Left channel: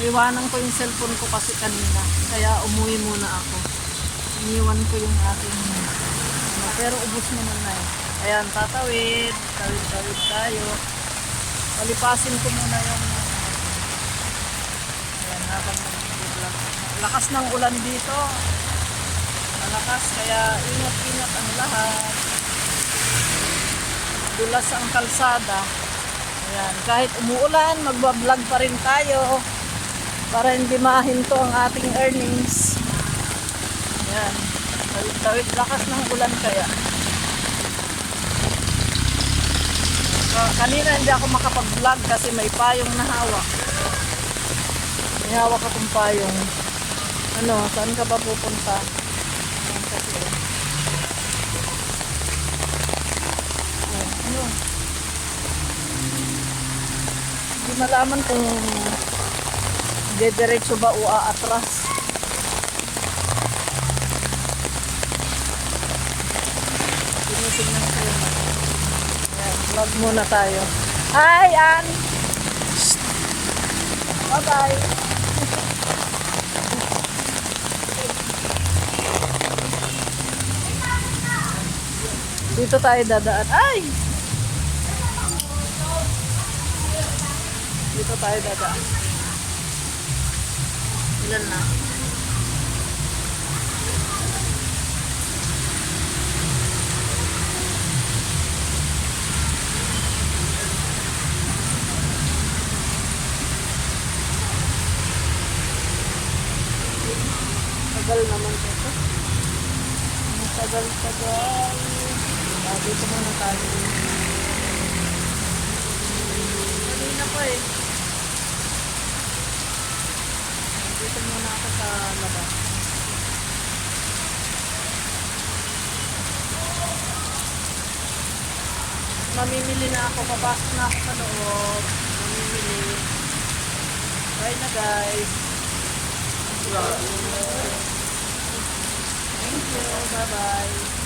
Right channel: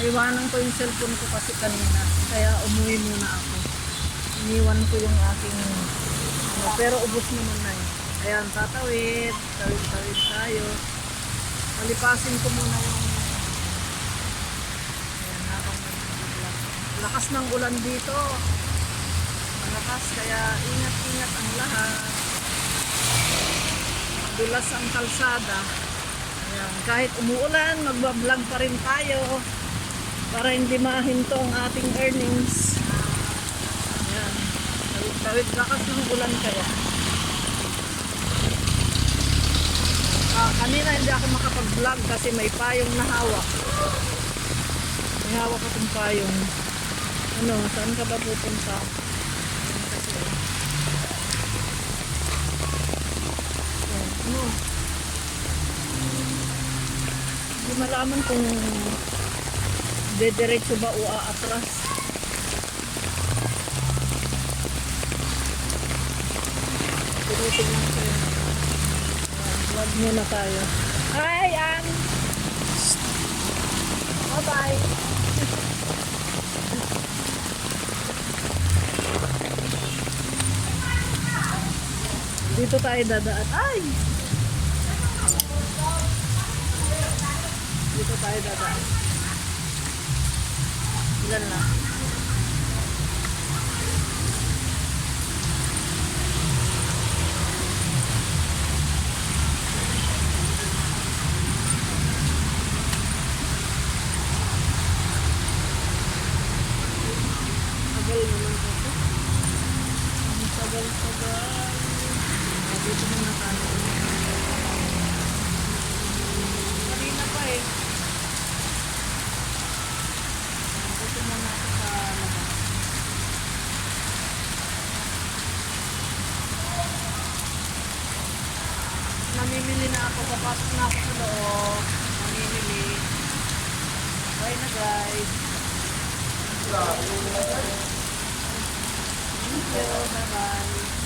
Naiwanan ko yung cellphone ko kasi kanina. Kaya umuwi muna ako. Iniwan ko yung aking pero ubos naman na eh. Ayan, tatawid. Tawid tayo. Palipasin ko muna yung ayan, habang nag-vlog. Lakas ng ulan dito. Malakas, kaya ingat-ingat ang lahat. Dulas ang kalsada. Ayan, kahit umuulan, magbablog pa rin tayo para hindi mahinto ang ating earnings. Ayan, tawid lakas ng ulan kaya. Kanina hindi ako makapag-vlog kasi may payong na hawak. May hawak akong payong. Ano, saan ka ba pupunta? Ayan kasi. Oh, ano? Hindi malaman kung dediretso ba o aatras. Tinitignan ko yun. Vlog muna tayo. Hi, Ann! Bye-bye! Dito tayo dadaan. Ay! Dito tayo dadaan. Ilan na? Tagal naman ito. Tagal. Dito muna tayo. Kanina pa eh. Dito muna ako sa labas. Mamimili na ako. Papasok na ako sa loob. Mamimili. Bye na guys. Thank you. Bye-bye.